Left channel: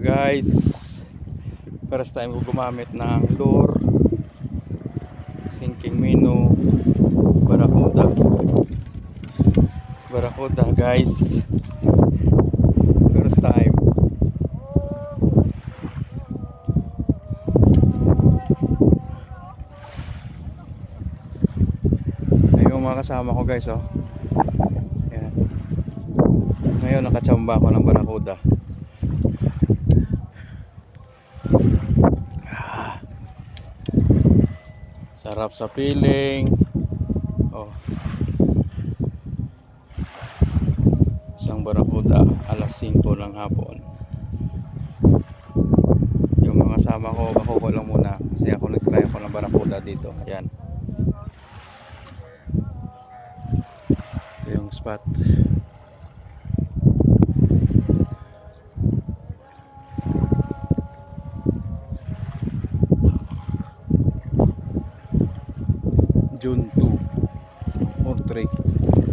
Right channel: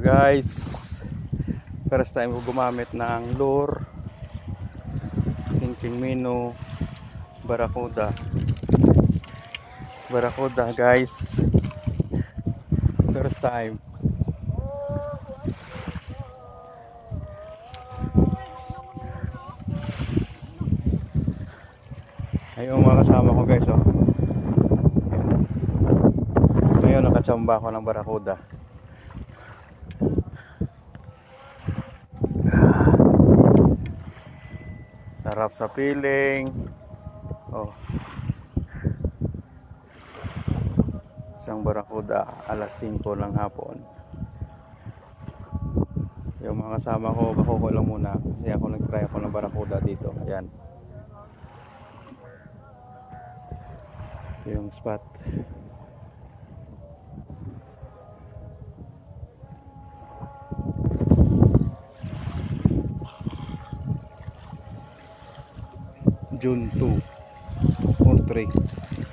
Guys, first time ko gumamit ng lure sinking minnow Barracuda guys, first time. Ayun yung mga kasama ko guys, oh. Ayan. Ngayon nakatsamba ako ng Barracuda. Sarap sa piling. Oh. Isang Barracuda alas 5 ng hapon. Yung mga kasama ko kakuha lang muna kasi ako nag-try ako ng Barracuda dito. Ayan. Ito yung spot. June 2 or 3.